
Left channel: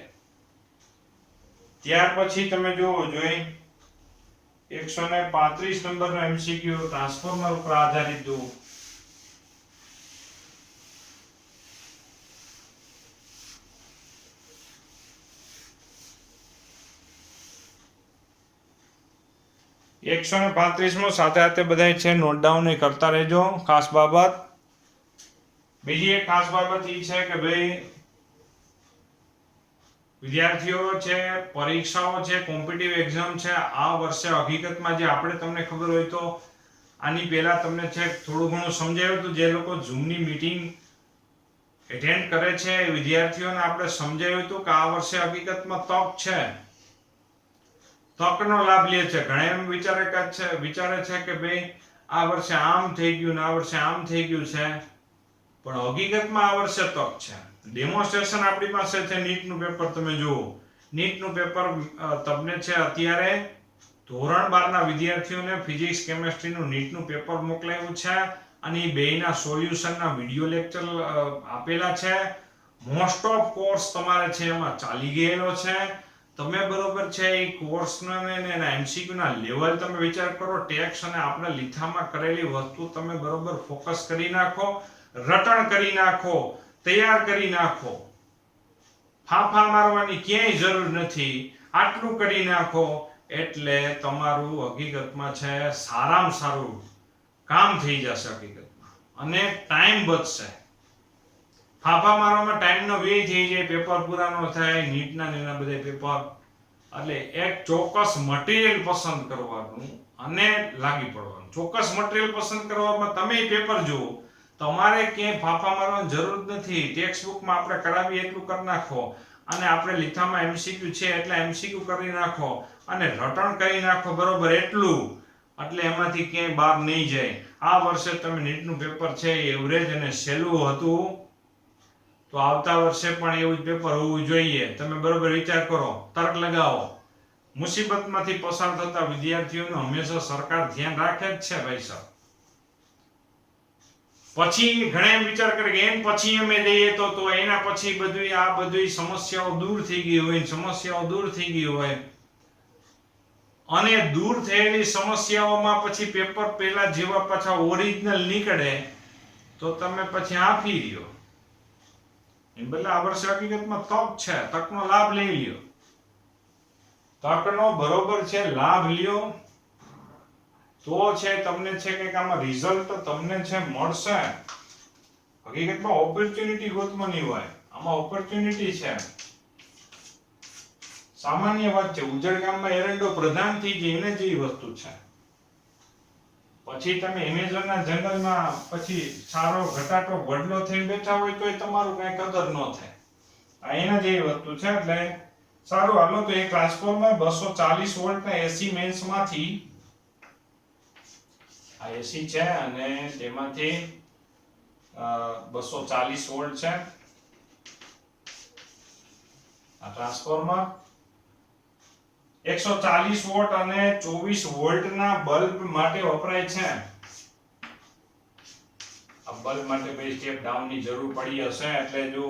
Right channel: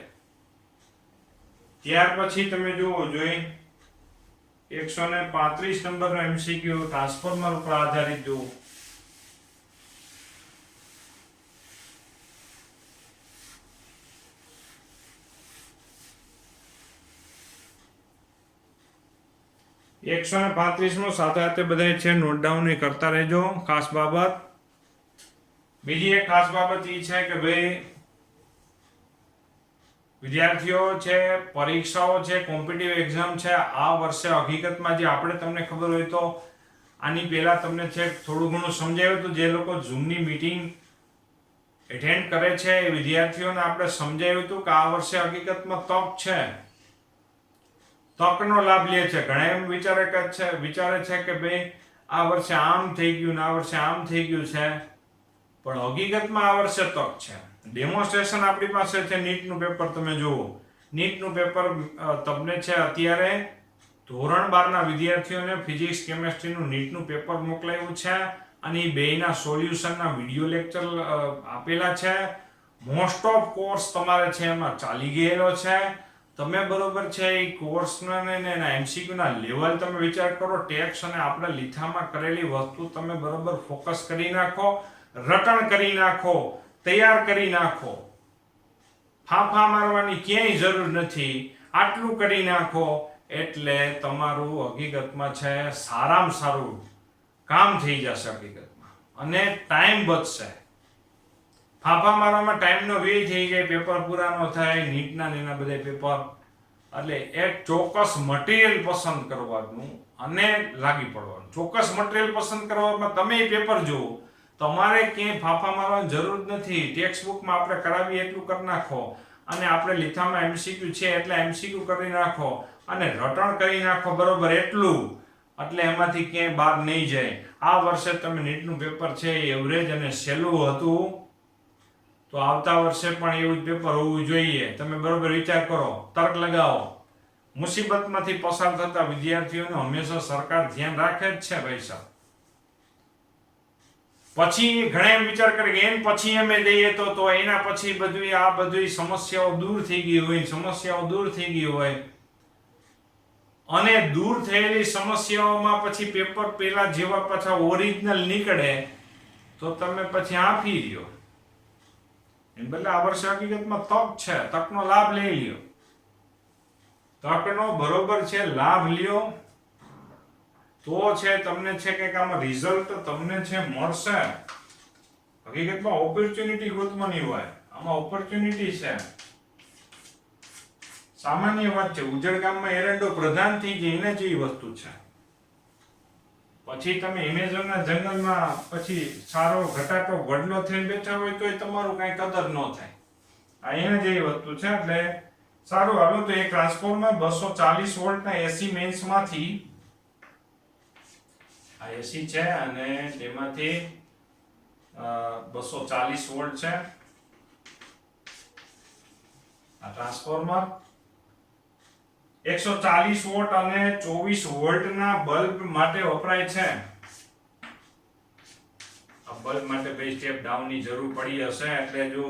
ત્યાર પછી તમે જોવો જોઈએ 135 નંબરનો MCQ ટ્રાન્સફોર્મર ઉપર આધારિત જો. એકસો ને 35 સાથે સાથે બધા છે નોટ ડાઉન કરતા રહેજો. ખાસ બાબત બીજી એક ખાસ બાબત એ છે કે ભાઈ વિદ્યાર્થીઓ છે, પરીક્ષાઓ છે, કોમ્પિટિટિવ એક્ઝામ છે, આ વર્ષે હકીકતમાં જે આપણે તમને ખબર હોય તો આની પહેલા તમને છે થોડું ઘણું સમજાવ્યું હતું. જે લોકો ઝૂમની મીટિંગ એટેન્ડ કરે છે એ વિદ્યાર્થીઓને આપણે સમજાવ્યું હતું કે આ વર્ષે હકીકતમાં તક છે, તકનો લાભ લે છે. ઘણા એમ વિચારે છે કે ભાઈ આ વર્ષે આમ થઈ ગયું ને આ વર્ષે આમ થઈ ગયું છે, પણ હકીકતમાં આ વર્ષે તક છે. ડેમોન્સ્ટ્રેશન આપણી પાસે છે. નીટનું પેપર તમે જુઓ. નીટનું પેપર તમને છે અત્યારે ધોરણ 12 ના વિદ્યાર્થીઓને ફિઝિક્સ કેમેસ્ટ્રીનું નીટનું પેપર મોકલાયું છે અને એ બેયના સોલ્યુશનના વિડિયો લેક્ચર આપેલા છે. મોસ્ટ ઓફ કોર્સ તમારે છે એમાં ચાલી ગયેલો છે. તમે બરોબર છે એ કોર્સના ને એના MCQના લેવલ તમે વિચાર કરો. ટેક્સ અને આપણે લીથામાં કરેલી વસ્તુ તમે બરોબર ફોકસ કરી નાખો, રટણ કરી નાખો, તૈયાર કરી નાખો. ફાંફા મારવાની ક્યાંય જરૂર નથી. આટલું કરી નાખો એટલે તમારું હકીકતમાં છે સારામાં સારું કામ થઈ જશે હકીકતમાં અને ટાઈમ બચશે. ફાંફા મારવામાં ટાઈમનો વ્યય થઈ જાય, પેપર પૂરા ન થાય. નીટના ને એના બધા પેપર એટલે એક ચોક્કસ મટીરિયલ પસંદ કરવાનું અને લાગી પડવાનું. ચોક્કસ મટીરિયલ પસંદ કરવામાં તમે એ પેપર જુઓ. તમારે ક્યાંય ફાંફા મારવાની જરૂર નથી. ટેક્સ્ટ બુકમાં આપણે કરાવીએ એટલું કરી નાખો અને આપણે લીથામાં MCQ છે એટલે MCQ કરી નાખો અને રટણ કરી નાખો બરોબર એટલું, એટલે એમાંથી ક્યાંય બહાર નહીં જાય. આ વર્ષે તમે નીટનું પેપર છે એ એવરેજ અને સહેલું હતું તો આવતા વર્ષે પણ એવું જ પેપર હોવું જોઈએ. તમે બરોબર વિચાર કરો, તર્ક લગાવો. મુસીબતમાંથી પસાર થતા વિદ્યાર્થીઓને હંમેશા સરકાર ધ્યાન રાખે જ છે ભાઈ સાહેબ. પછી ઘણા એમ વિચાર કરે કે એન પછી અમે દઈએ તો એના પછી બધું આ બધી સમસ્યાઓ દૂર થઈ ગઈ હોય અને દૂર થયેલી સમસ્યાઓમાં પછી પેપર પેલા જેવા પાછા ઓરિજિનલ નીકળે તો તમે પછી આફી રહ્યો. એને બદલે આ વર્ષે હકીકતમાં તક છે, તકનો લાભ લઈ લ્યો. તકનો બરોબર છે લાભ લ્યો તો છે તમને છે કંઈક આમાં રિઝલ્ટ તમને છે મળશે. હકીકતમાં ઓપોર્ચ્યુનિટી ગોતવાની હોય, આમાં ઓપોર્ચ્યુનિટી છે. સામાન્ય વાત છે. ઉજળ ગામમાં એરંડો પ્રધાન થઈ જાય એને જેવી વસ્તુ છે. પછી તમે એમેઝોનના જંગલમાં પછી સારો ઘટાટો વડલો થઈને બેઠા હોય તો તમારું કઈ કદર ન થાય. આ એના જેવી વસ્તુ છે. એટલે સારું, હાલો તો એક ટ્રાન્સફોર્મર 240 વોલ્ટના એસી મેન્સમાંથી આ એસી છે અને તેમાંથી 240 વોલ્ટ છે. આ ટ્રાન્સફોર્મર 140 વોટ અને 24 વોલ્ટના બલ્બ માટે વપરાય છે. આ બલ્બ માટે ભાઈ સ્ટેપ ડાઉન ની જરૂર પડી હશે એટલે જો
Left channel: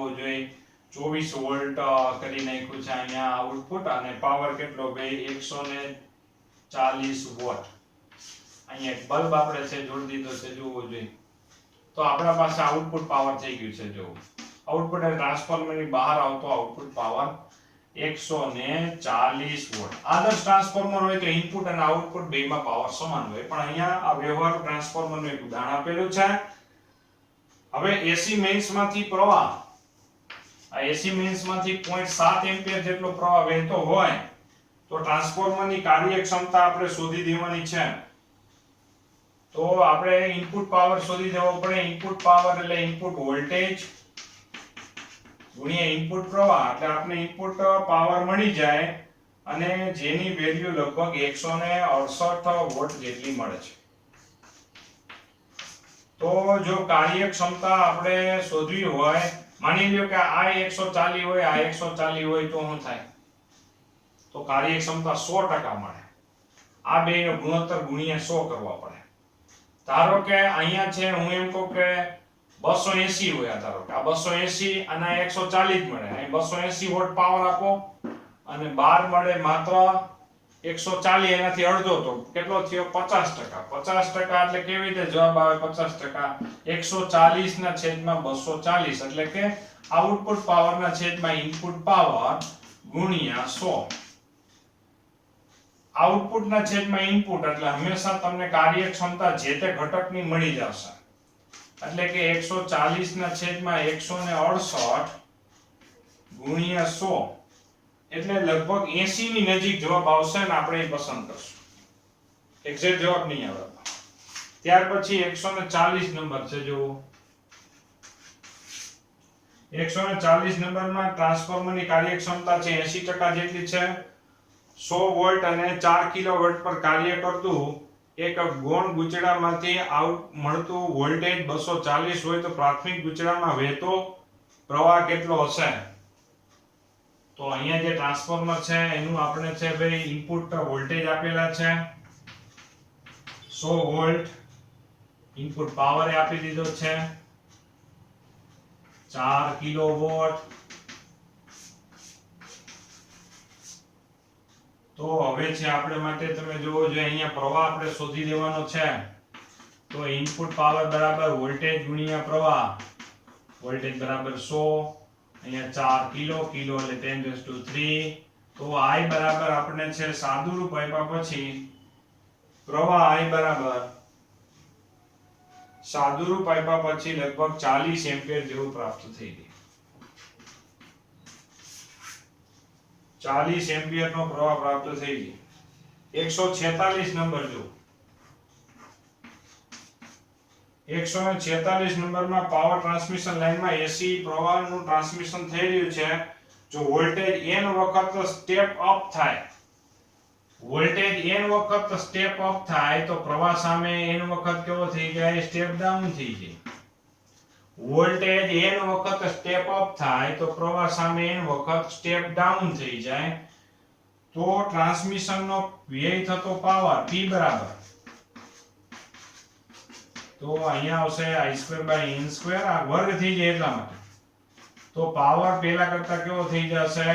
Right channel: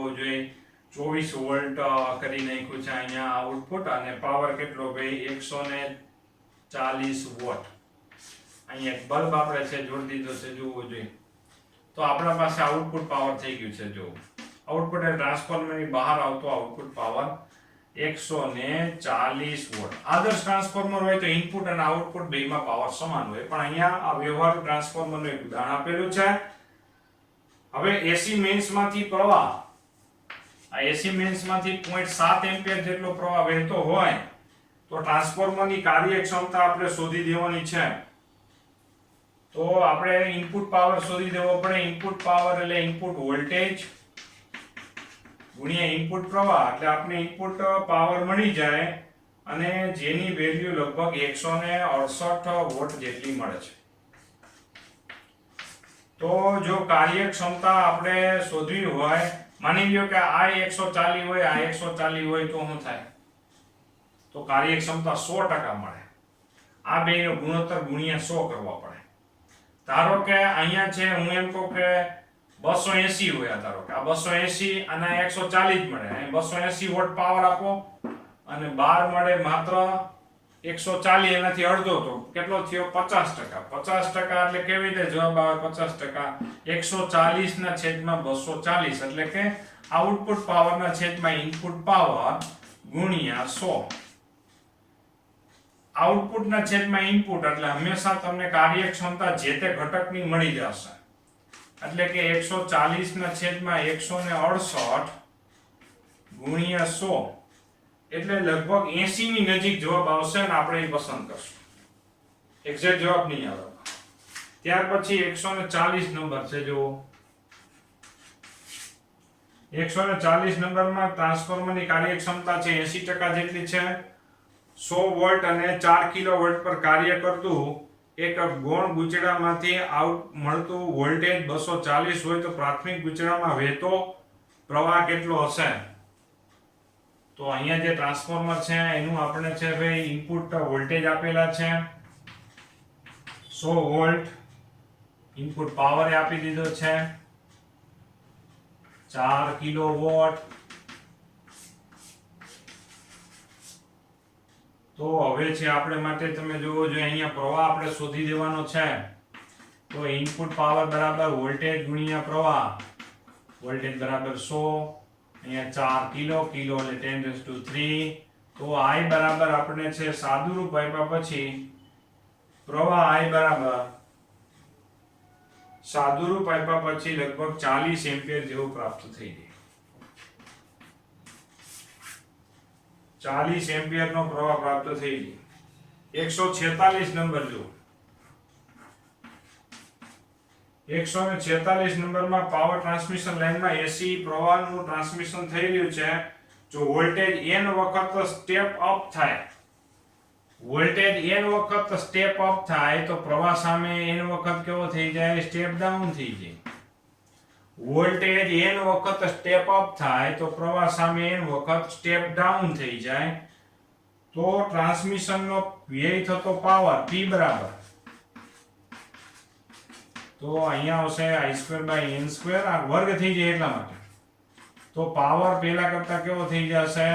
24 વોલ્ટ કરી નાખ્યું છે અહીંયા આઉટપુટ અને પાવર કેટલો ભાઈ 140 વોટ. અહીંયા એક બલ્બ આપણે છે જોડી દીધો છે જોવો જોઈએ તો આપણા પાસે આઉટપુટ પાવર થઈ ગયું છે. જો આઉટપુટ અને ટ્રાન્સફોર્મરની બહાર આવતો આઉટપુટ પાવર 140 વોટ. આદર્શ ટ્રાન્સફોર્મર હોય તો ઇનપુટ અને આઉટપુટ બેમાં પાવર સમાન હોય, પણ અહીંયા આ વ્યવહારુ ટ્રાન્સફોર્મરનું એક ઉદાહરણ આપેલું છે. હવે એસી મેન્સમાંથી પ્રવાહ, આ એસી મેન્સમાંથી 0.7 એમ્પિયર જેટલો પ્રવાહ વહેતો હોય તો ટ્રાન્સફોર્મરની કાર્યક્ષમતા આપણે શોધી દેવાની છે. તો આપણે ઇનપુટ પાવર શોધી દેવો પડે. ઇનપુટ પાવર એટલે ઇનપુટ વોલ્ટેજ ગુણ્યા ઇનપુટ પ્રવાહ, એટલે આપણે ઇનપુટ પાવર મળી જાય અને જેની વેલ્યુ લગભગ 168 વોટ જેટલી મળે છે. તો જો કાર્યક્ષમતા આપણે શોધવી હોય, માની લ્યો કે આ 140 હોય, આ 140 હોય તો શું થાય? તો કાર્યક્ષમતા 100% મળે. આ બેનો ગુણોત્તર ગુણ્યા 100 કરવા પડે. ધારો કે અહીંયા છે હું એમ કહું કે 280 હોય, ધારો કે આ 280 અને 140 મળે. અહીં 280 વોટ પાવર આપો અને 12 મળે માત્ર 140, એનાથી અડધો તો કેટલો થયો? 50%. 50% એટલે કેવી રીતે જવાબ આવે? 50% 140 ના છેદમાં 240 એટલે કે આઉટપુટ પાવર ના છેદમાં ઇનપુટ પાવર ગુણ્યા 100. આઉટપુટ ના છેદમાં ઇનપુટ એટલે હંમેશા તમને કાર્યક્ષમતા જે તે ઘટકની મળી જશે. એટલે કે 140 ના છેદમાં 168 ગુણ્યા 100 એટલે લગભગ 80 ની નજીક જવાબ આવશે ને આપણે એ પસંદ કરશું. એક્ઝેક્ટ જવાબ નહીં આવે. ત્યાર પછી 140 નંબર છે. જુઓ 140 નંબરમાં ટ્રાન્સફોર્મરની કાર્યક્ષમતા છે 80% જેટલી છે. 100 વોલ્ટ અને 4 કિલોવોટ પર કાર્ય કરતું એક ગૌણ ગુચડામાંથી આઉટ મળતું વોલ્ટેજ 240 હોય તો પ્રાથમિક ગુચડામાં વહેતો પ્રવાહ કેટલો હશે? તો અહીંયા જે ટ્રાન્સફોર્મર છે એનું આપણે છે ભાઈ ઇનપુટ વોલ્ટેજ આપેલા છે 100 વોલ્ટ, ઇનપુટ પાવર આપી દીધો છે 4 કિલોવોટ. તો હવે છે આપણે માટે તમે જોવો જોઈએ અહીંયા પ્રવાહ આપણે શોધી દેવાનો છે. તો ઇનપુટ પાવર બરાબર વોલ્ટેજ ગુણ્યા પ્રવાહ. વોલ્ટેજ બરાબર 100, અહીંયા 4 કિલો, કિલો એટલે 10⁻³ તો I બરાબર આપણે છે સાદુરૂપ આપ્યા પછી પ્રવાહ I બરાબર સાદુરૂપ આપ્યા પછી લગભગ 40 એમ્પિયર જેવું પ્રાપ્ત થઈ ગયું. 40 એમ્પિયર નો પ્રવાહ પ્રાપ્ત થઈ ગયો. 146 નંબર જો 146 નંબરમાં પાવર ટ્રાન્સમિશન લાઇનમાં એસી પ્રવાહનું ટ્રાન્સમિશન થઈ રહ્યું છે. જો વોલ્ટેજ n વખત સ્ટેપ અપ થાય, વોલ્ટેજ n વખત સ્ટેપ અપ થાય તો પ્રવાહ સામે n વખત કેવો થઈ જાય? સ્ટેપ ડાઉન થઈ જાય. વોલ્ટેજ n વખત સ્ટેપ અપ થાય તો પ્રવાહ સામે n વખત સ્ટેપ ડાઉન થઈ જાય. તો ટ્રાન્સમિશનનો વ્યય થતો પાવર P બરાબર તો અહીંયા આવશે I²/n², આ વર્ગ થઈ જાય એટલા માટે. તો પાવર પહેલા કરતા કેવો થઈ જશે?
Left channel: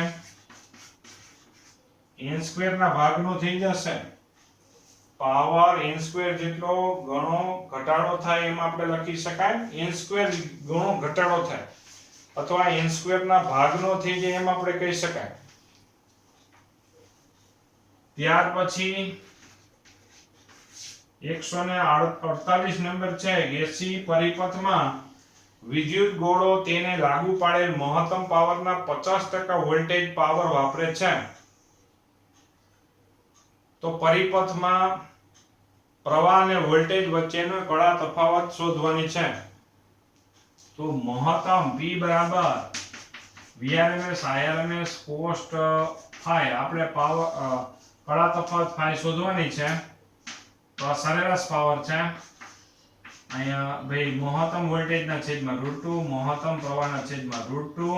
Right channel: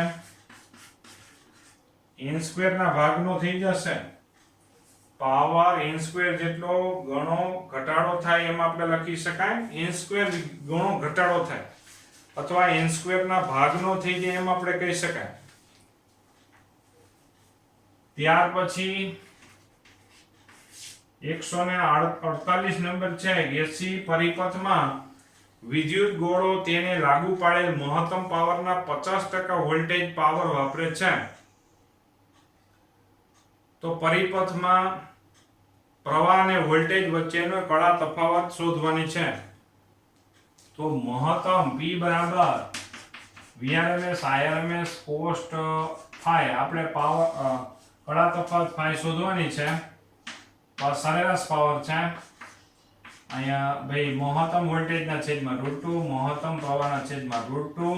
n² ના ભાગનો થઈ જશે. પાવર n સ્ક્વેર જેટલો ગણો ઘટાડો થાય એમ આપણે લખી શકાય, n સ્ક્વેર ગણો ઘટાડો થાય અથવા n સ્ક્વેર ના ભાગનો થઈ જાય એમ આપણે કહી શકાય. ત્યાર પછી 148 નંબર છે, એસી પરિપથમાં વિદ્યુત ગોળો તેને લાગુ પાડેલ મહત્તમ પાવરના 50% વોલ્ટેજ પાવર વાપરે છે. તો પરિપથમાં પ્રવાહ અને વોલ્ટેજ વચ્ચેનો કડા તફાવત શોધવાની છે. તો મહત્તમ P બરાબર Vrms Irms cos phi આપણે પાવર કડા તફાવત phi શોધવાની છે. તો આ સરેરાશ પાવર છે. અહીંયા ભાઈ મહત્તમ વોલ્ટેજના છેદમાં √2, મહત્તમ પ્રવાહના છેદમાં √2,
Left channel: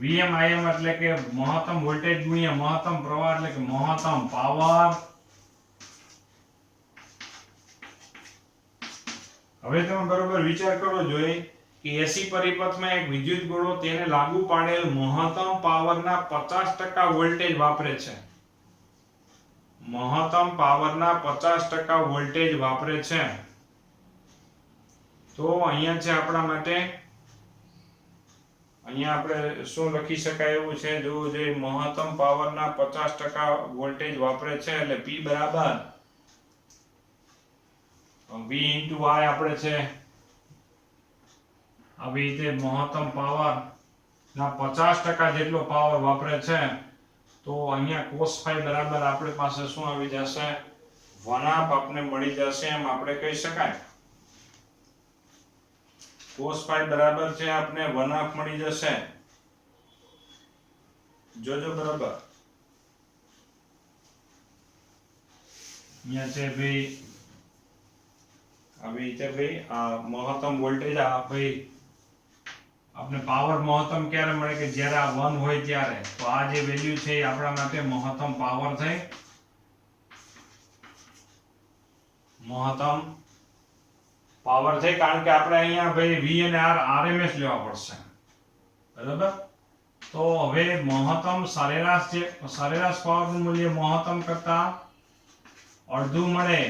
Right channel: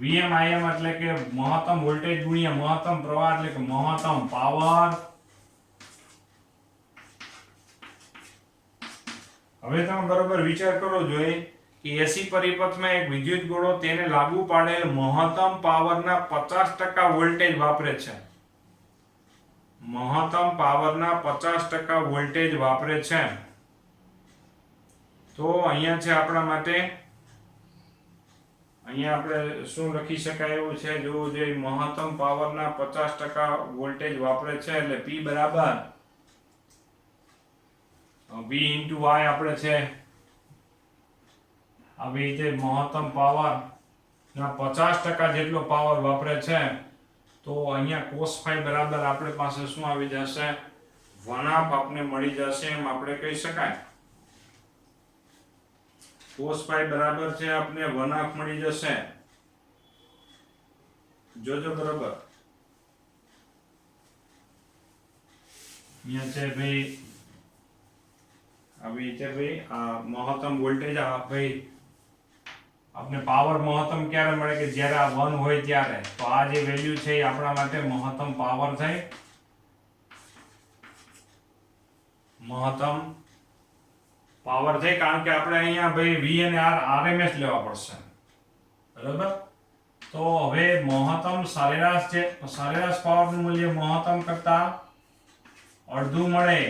Vm Im એટલે કે મહત્તમ વોલ્ટેજ ગુણ્યા મહત્તમ પ્રવાહ એટલે કે મહત્તમ પાવર. હવે તમે બરોબર વિચાર કરો જોઈએ કે એસી પરિપથમાં એક વિદ્યુત ગોળો તેને લાગુ પાડેલ મહત્તમ પાવરના 50% વોલ્ટેજ વાપરે છે. મહત્તમ પાવરના 50% વોલ્ટેજ વાપરે છે. તો અહીંયા છે આપણા માટે, અહીંયા આપણે શું લખી શકાય એવું છે, જોવું જોઈએ મહત્તમ પાવરના 50% વોલ્ટેજ વાપરે છે એટલે P બરાબર V * I આપણે છે આવી રીતે મહત્તમ પાવર ના 50% જેટલો પાવર વાપરે છે. તો અહીંયા cos phi બરાબર આપણે પાસે શું આવી જશે, 1/2 આપને મળી જશે એમ આપણે કહી શકાય. cos phi બરાબર છે આપને 1/2 મળી જશે. જોજો બરાબર અહીંયા છે ભાઈ આવી રીતે ભાઈ આ મહત્તમ વોલ્ટેજ આ ભાઈ આપણે પાવર મહત્તમ ક્યારે મળે કે જ્યારે આ 1 હોય ત્યારે. તો આ જે વેલ્યુ છે એ આપણા માટે મહત્તમ પાવર થઈ, મહત્તમ પાવર થઈ, કારણ કે આપણે અહીંયા ભાઈ V અને R RMS લેવા પડશે. બરાબર. તો હવે મહત્તમ સરેરાશ જે સરેરાશ પાવરનું મૂલ્ય મહત્તમ કરતા અડધું મળે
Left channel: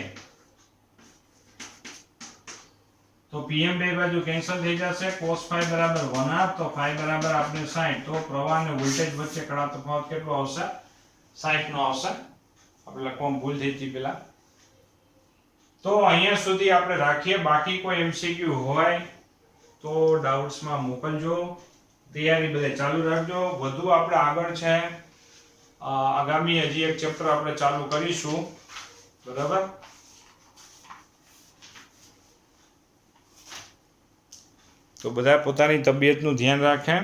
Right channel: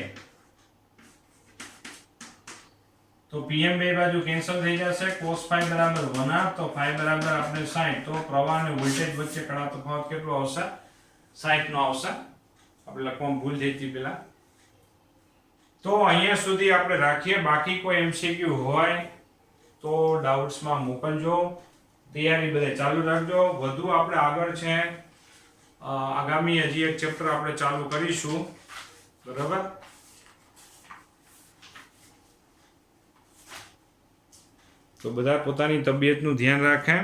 તો Pm બે બાજુ કેન્સલ થઈ જશે. cos phi બરાબર 1/2, તો phi બરાબર આપણે 60. તો પ્રવાહ અને વોલ્ટેજ વચ્ચે કડા તફાવત કેટલો આવશે, 60 નો આવશે. આપણે લખવામાં ભૂલ થઈ હતી પેલા. તો અહીંયા સુધી આપણે રાખીએ. બાકી કોઈ MCQ હોય તો ડાઉટ્સમાં મોકલજો. તૈયારી બધે ચાલુ રાખજો. વધુ આપણે આગળ છે આગામી હજી એક ચેપ્ટર આપણે ચાલુ કરીશું. બરાબર. તો બધા પોતાની તબિયતનું ધ્યાન રાખે.